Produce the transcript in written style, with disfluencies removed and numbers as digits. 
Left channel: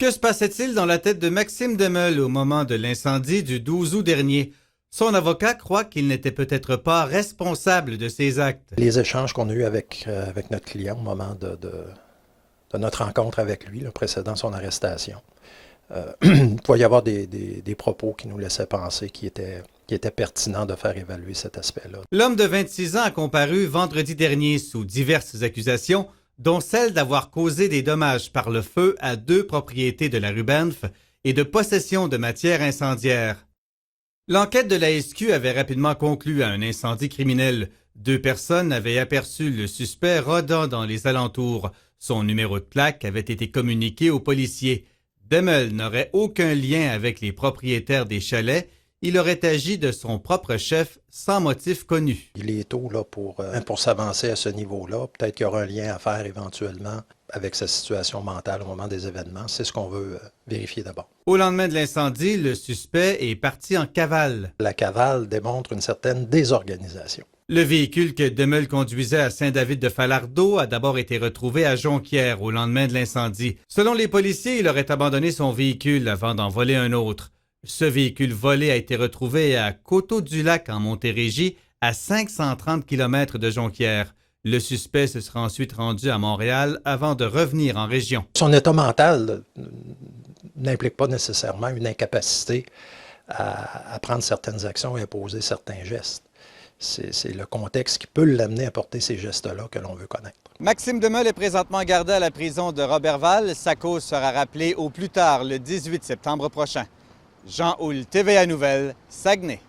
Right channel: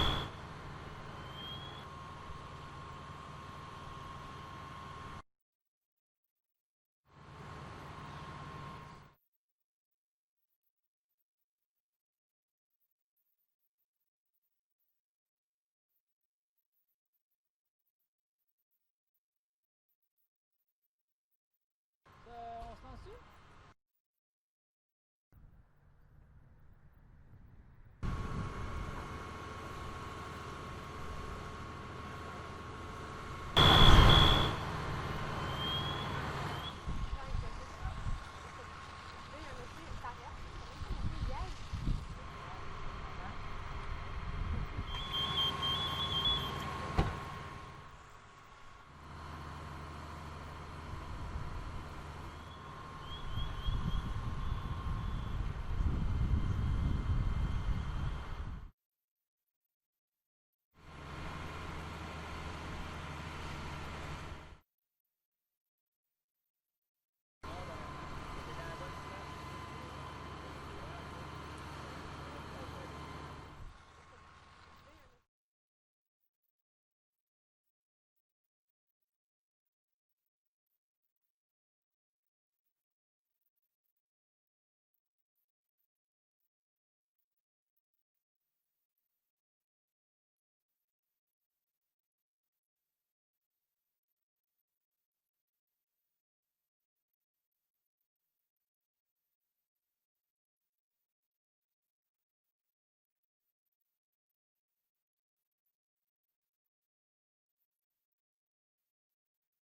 Que se passait-il dans la tête de Maxime Demeule au moment de l'incendie du 12 août dernier? Son avocat croit qu'il n'était peut-être pas responsable de ses actes. Les échanges qu'on a eus avec notre client au moment de notre rencontre avec lui, là, précédant son arrestation, il pouvait y avoir des propos qui nous laissaient penser qu'il était pertinent de faire évaluer cet aspect-là. L'homme de 26 ans a comparu vendredi dernier sous diverses accusations, dont celle d'avoir causé des dommages par le feu à 2 propriétés de la rue Banff et de possession de matières incendiaires. L'enquête de la SQ avait rapidement conclu à un incendie criminel. 2 personnes avaient aperçu le suspect rôdant dans les alentours. Son numéro de plaque avait été communiqué aux policiers. Demeule n'aurait aucun lien avec les propriétaires des chalets. Il aurait agi de son propre chef sans motif connu. Il est tôt là, pour s'avancer à ce niveau-là. Peut-être qu'il y aura un lien à faire éventuellement avec sa situation mentale au moment des événements. C'est ce qu'on veut vérifier d'abord. Au lendemain de l'incendie, le suspect est parti en cavale. La cavale démontre une certaine désorganisation. Le véhicule que Demeule conduisait à Saint-David-de-Falardeau a d'abord été retrouvé à Jonquière au lendemain de l'incendie. Selon les policiers, il aurait abandonné son véhicule avant d'en voler un autre. Ce véhicule volé a été retrouvé à Coteau-du-Lac, en Montérégie, à 530 km de Jonquière. Le suspect se sera ensuite rendu à Montréal avant de revenir en région. Son état mental n'implique pas nécessairement une incapacité à prendre certaines actions et à poser certains gestes. C'est le contexte qui peut l'amener à porter ces gestes-là que l'on veut connaître. Maxime Demeule est présentement gardé à la prison de Roberval. Sa cause sera rappelée au plus tard le 18 septembre prochain. Jean Houle, TVA Nouvelles, Saguenay.